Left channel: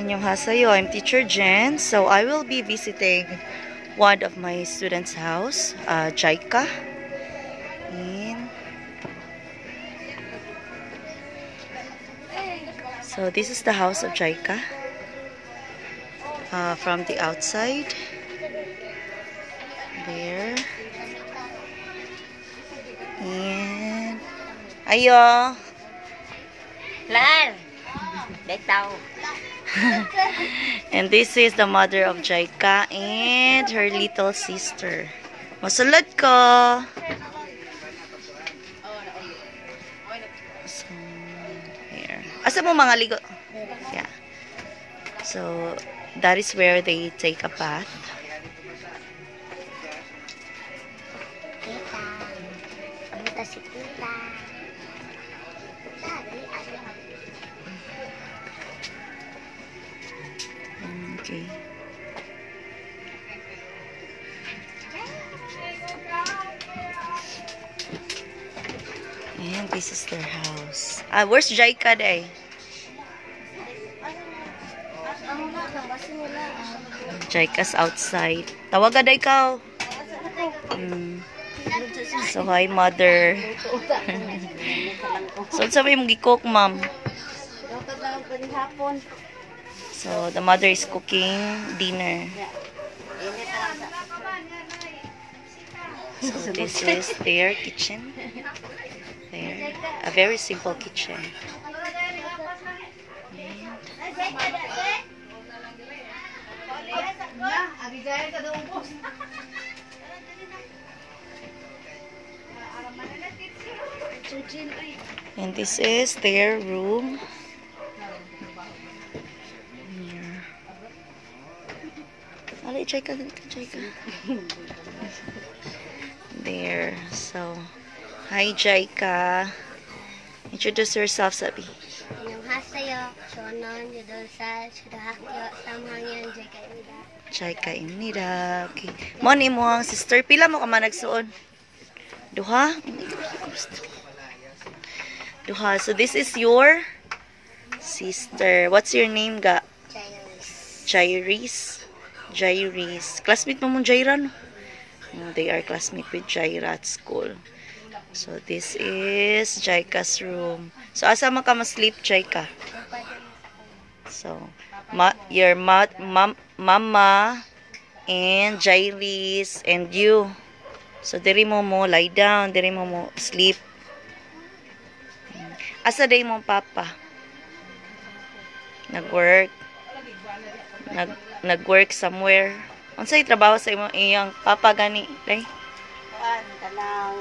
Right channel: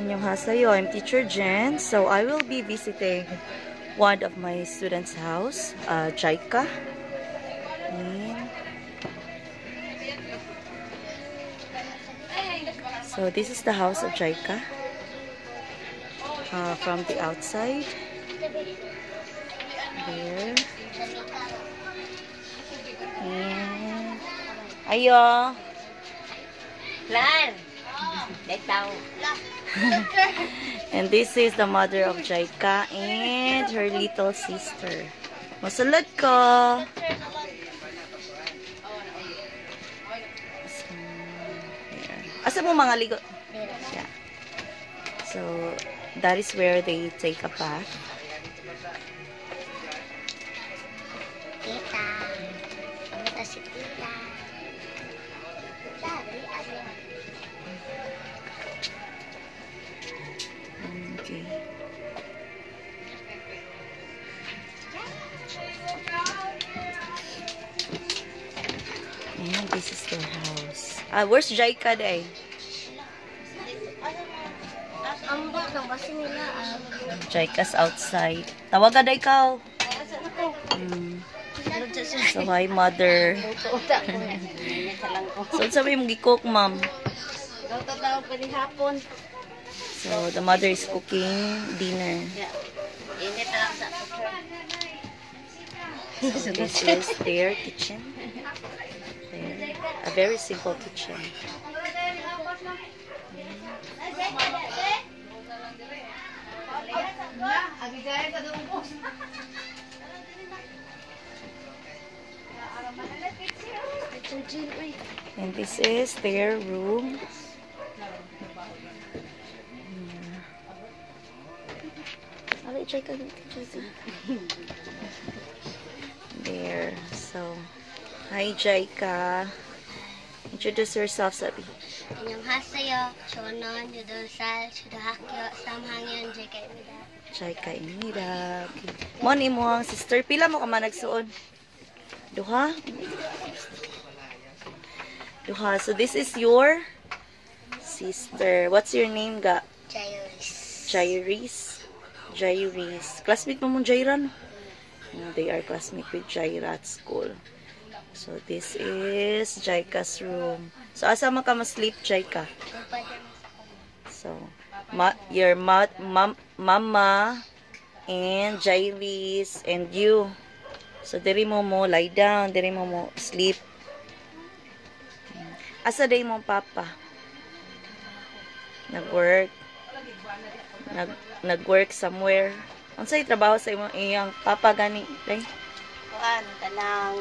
Annyeonghaseyo, I'm Teacher Jen. So I will be visiting one of my students' house, JICA. So this is the house of JICA from the outside. There. And ayo. Lan. And this is the mother of JICA and her little sister. Masulod ko. So, here. Asa mo mga ligo? Yeah. So, that is where they take a bath. Tita. Ito si Tita. Okay. And this is their house. Where's JICA day? JICA's outside. Tawaga day ka. So, hi, mother. So, sabi mong gi-cook, ma'am. So, the mother is cooking dinner. So, this is their kitchen. There. A very simple kitchen. And this is their room. There. So, hi JICA. Introduce yourself, Sabi. Annyeonghaseyo. Shonon, Yudosal, Shudahakyo, Samhangyan, JICA. JICA Imida. Okay. Mo ni mo ang sister. Pila mo ka man nagsuon? Duha? Duha. So, this is your sister. What's your name, ga? Jairis. Jairis. Classmate mo mong Jaira, no? They are classmate with Jaira at school. So, this is JICA's room. So, asa man ka ma-sleep, JICA? So, your mama and Jairis and you. So, diri mo lie down. Diri mo sleep. Asa day mong papa? Nag-work. Nag-work somewhere. Unsay trabaho sa iyang papa gani, day? Kuan, talang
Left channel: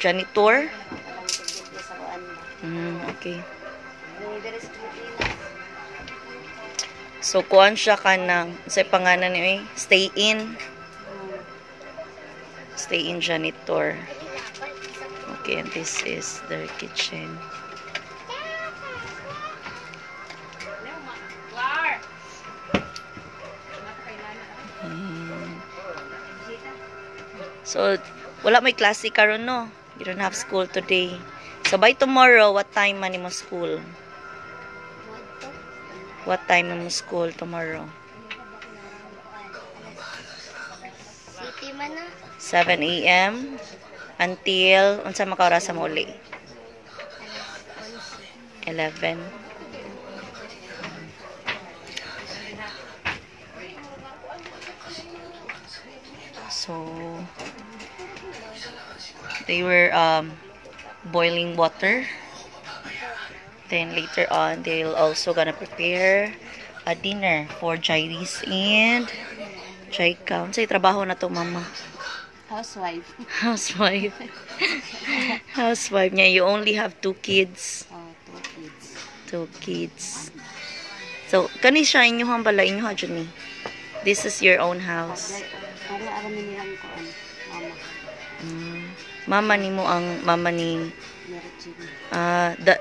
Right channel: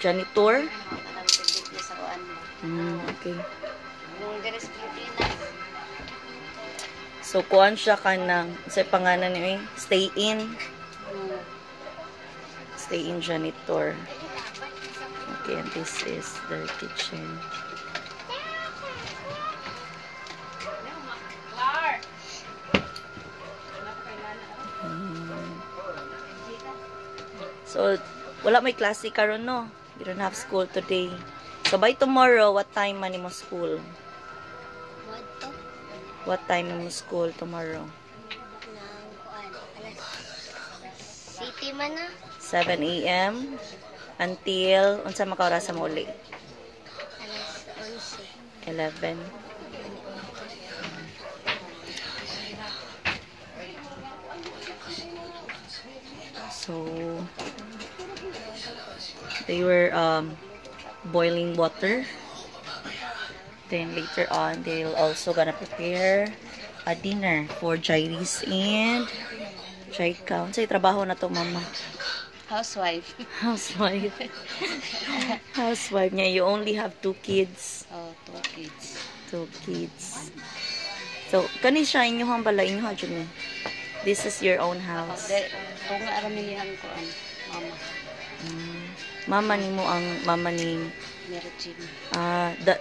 janitor? talang sa kuan. Okay. Yung deres Pilipinas. So, kuan siya ka ng, unsay pangalan ni stay in. Stay in janitor. Okay, and this is their kitchen. So, wala may klase karon, no? You don't have school today. So, by tomorrow, what time man mo school? What time mo school tomorrow? City man na. 7 a.m. until, unsa makaorasa mo uli? Alas 11. 11. So, they were boiling water. Then later on, they'll also gonna prepare a dinner for Jairis and JICA. Unsay trabaho na to, mama? Housewife. Housewife. Housewife niya. You only have 2 kids. Oh, 2 kids. 2 kids. So, kani siya inyuhang bala, inyuha dyan ni. This is your own house. Kung aramin niyang kuan, mama. Mama ni mo ang mama ni Merchim.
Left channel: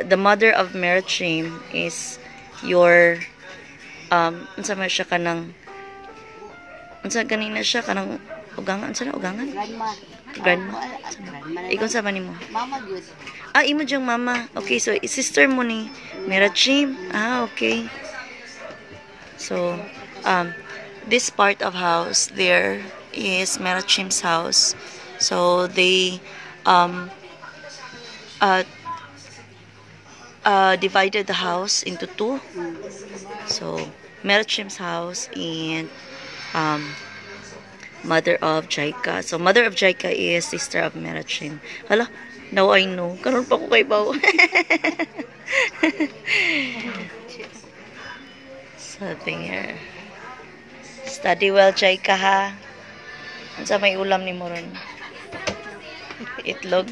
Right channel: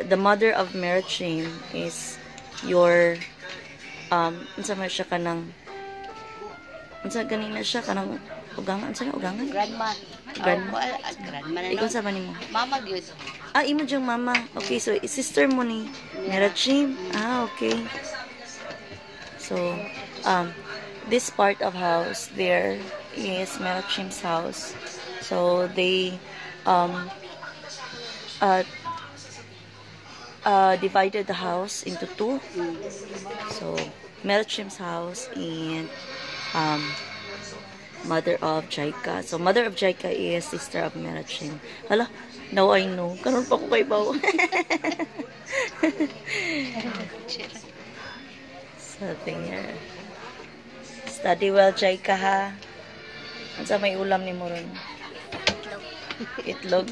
the mother of Merchim is your unsa man siya kanang unsa ganina siya kanang ugangan unsa na ugangan? Grandma. Grandma. Grandma na. Ikaw sa nimo? Mama gyud. Imo diyang mama. Okay, so sister mo ni Merchim. Okay. So, this part of house there is Melachim's house. So they divided the house into two. So Melachim's house and mother of Jaika. So mother of Jaika is sister of Melachim. Hala, now I know. Karon pa ko kay Bao. So here. Study well, Jaika, ha. Ano may ulam ni Moron? Itlog.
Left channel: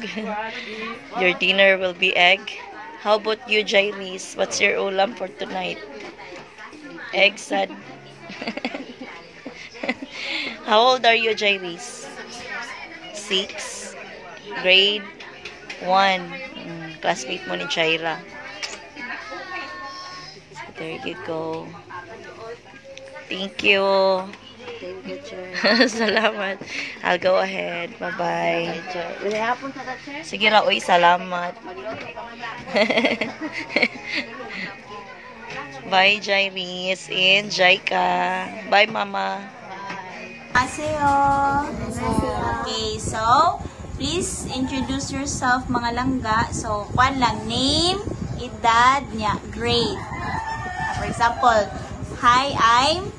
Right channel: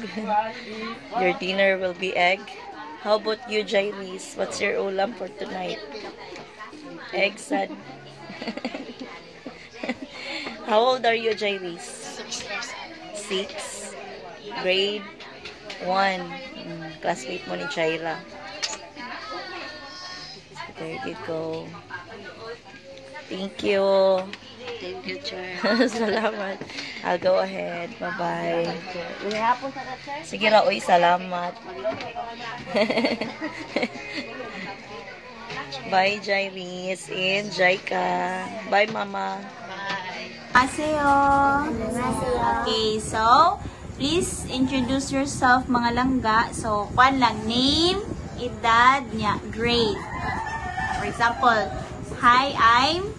Your dinner will be egg. How about you, Jairis? What's your ulam for tonight? Egg, sad. How old are you, Jairis? 6. Grade 1. Classmate mo ni Jaira. There you go. Thank you. Thank you, chair. Salamat. I'll go ahead. Bye-bye. Hapon sa chair. Sige ra, uy, salamat. Bye, Jairis and Jaika. Bye, Mama. Annyeonghaseyo. Okay, so please introduce yourself, mga langga. So, kwan lang, name, edad niya, grade. For example, hi, I'm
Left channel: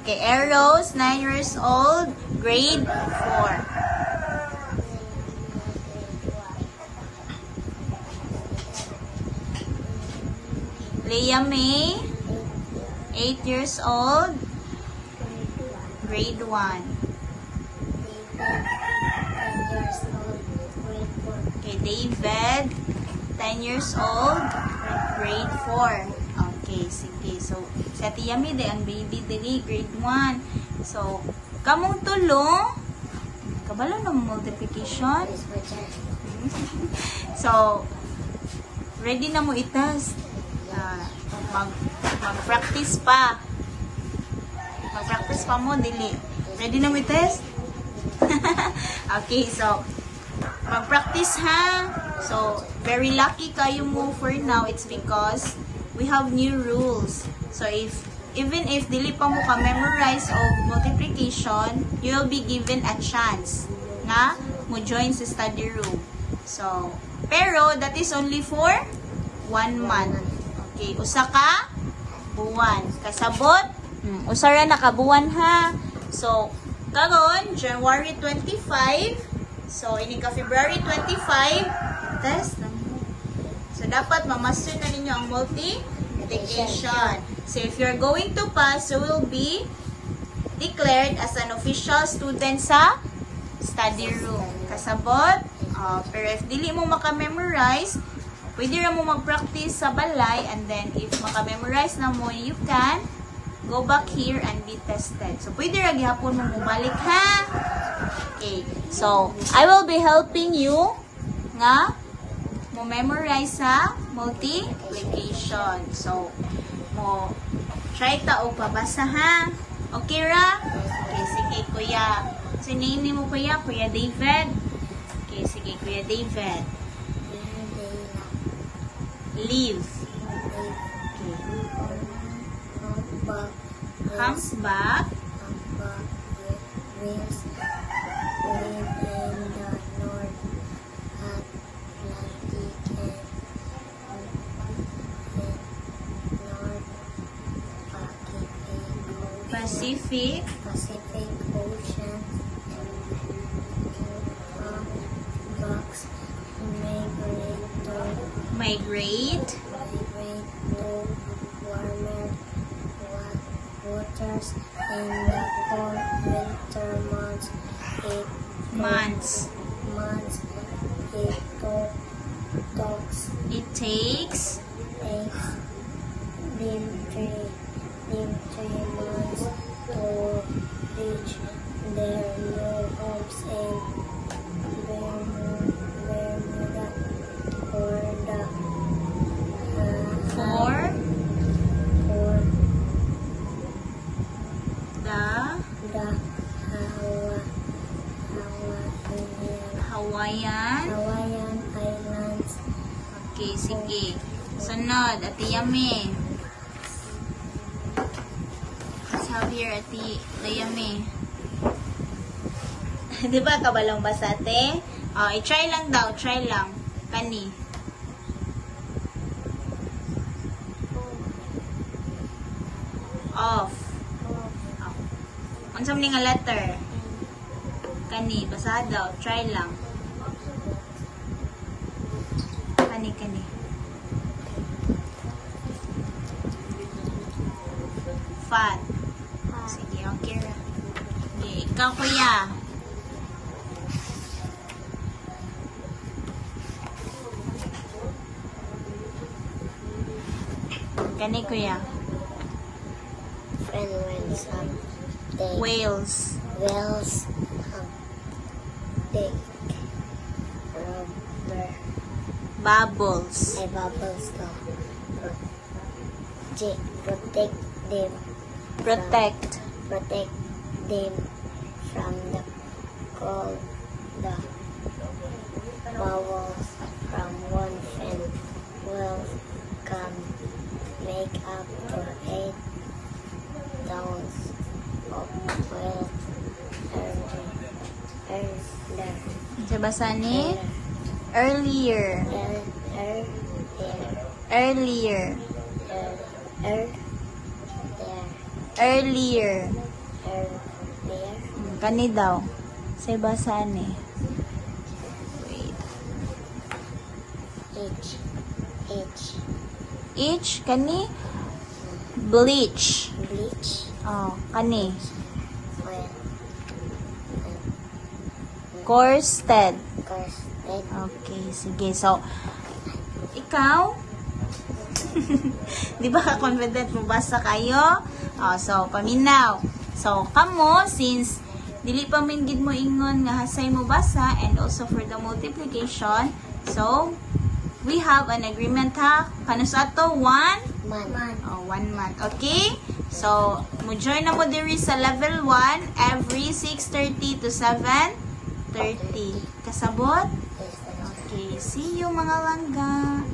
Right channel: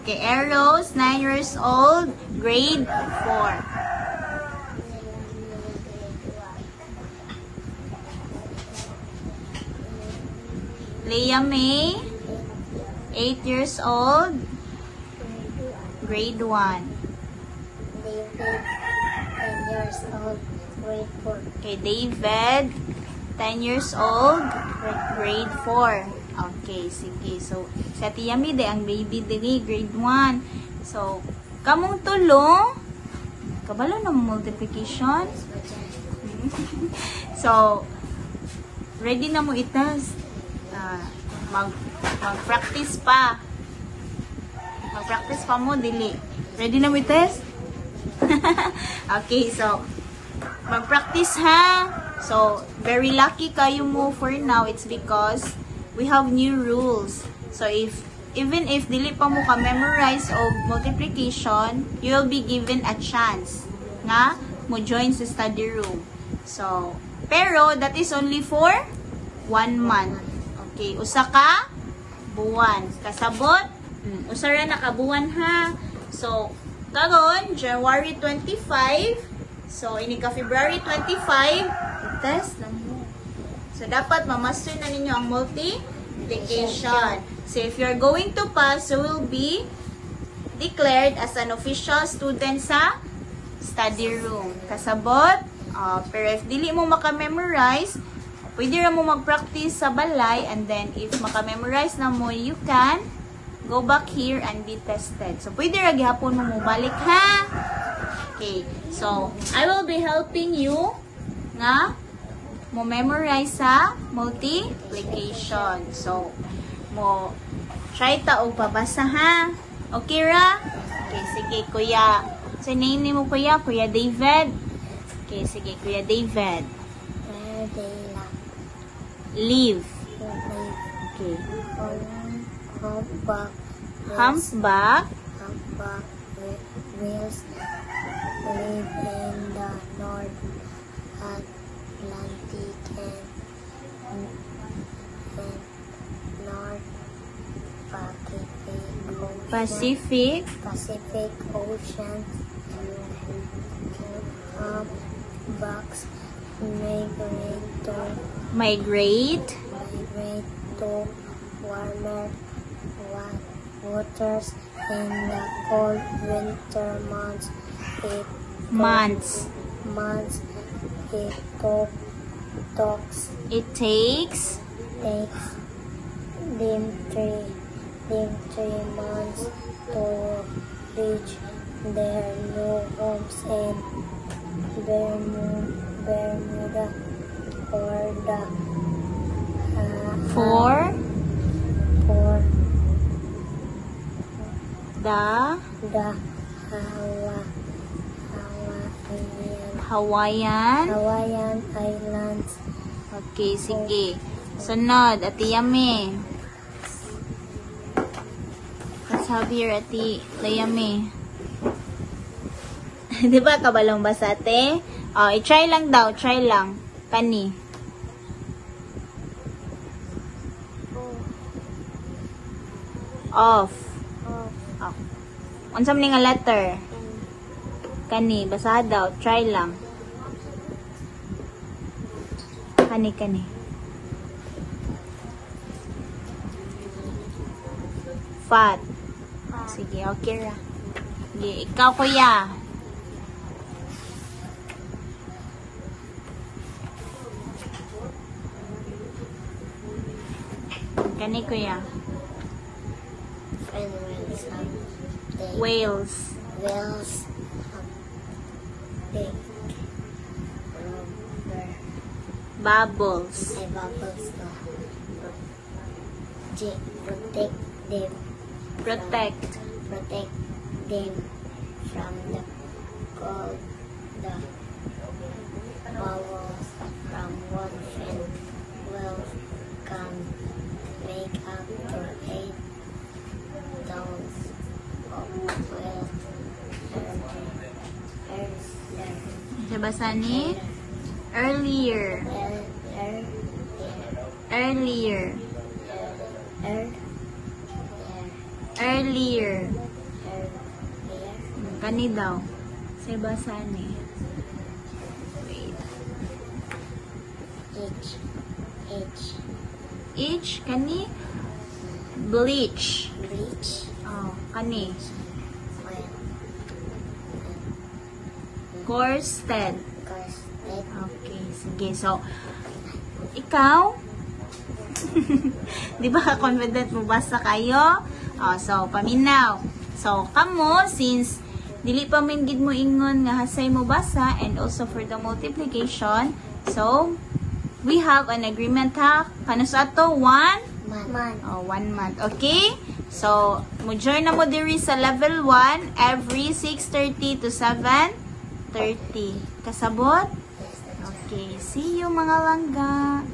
okay, Eros, 9 years old, grade 4. Leah May, 8 years old, grade 1. Okay, David, 10 years old, grade 4. Okay, sige. So, si Ate Yami, ang baby diri, grade 1. So, kamong tulo, kabalo ng multiplication. So, ready na mo itas. Mag-practice pa. Mag-practice pa mo, dili. Ready na mo itas? Okay, so, mag-practice ha. So, very lucky kayo mo for now. It's because we have new rules. So, even if dili pa mo ka-memorize of multiplication, you will be given a chance nga mo join sa study room. So, pero that is only for 1 month. Okay, usa ka buwan. Kasabot, usara na ka buwan ha. So, karon January 25. So, ini ka February 25, test na mo. So, dapat mamaster na ninyo ang multiplication. So, if you're going to pass, you will be declared as an official student sa study room. Kasabot, pero if dili mo maka-memorize, pwede ra mo mag-practice sa balay, and then if maka-memorize na mo, you can go back here and be tested. So, pwede ra gihapon mo balik ha. Okay, so, I will be helping you nga mo memorize sa multiplication. So, mo try ta o pabasa ha. Okay ra? Okay, sige kuya. Sa name ni mo kuya? Kuya David? Okay, sige kuya David. Leave. Humpback. Live in the North Atlantic and North Pacific Ocean. Humpbacks migrate to warmer waters in the cold winter months. It takes winter months to reach their new homes in Bermuda or the Hawaiian Islands. Okay, sige. Sunod, Ate Yami. Xavier, Ate Layami. Di ba kabalong basa, ate? Oh, i-try lang daw. Try lang. Kani. Off. Oh. Unsam ni nga letter? Kani. Basa daw. Try lang. Kani. Fat. Sige, okay lang. Sige, ikaw kuya. Kani kuya. When something Whales. big rubber Bubbles. bubbles protect them Protect. from the cold, the bubbles from one and will come make up the head downs of well Sa basa ni? Earlier. Kani daw. Sa basa ni? Each. Kani? Bleach. Oh, kani. Corsted. Okay, sige. So, ikaw? Di ba confident mo basa kayo? Oh, so, paminaw. So, kamo, since dili pa min gid mo ingon nga hasay mo basa and also for the multiplication, so, we have an agreement ha. Kanus ato? 1 month. Okay? So, mo join na mo diri sa level 1 every 6:30 to 7:30. Kasabot? Okay. See you mga langga.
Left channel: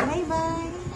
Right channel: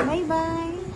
Bye-bye.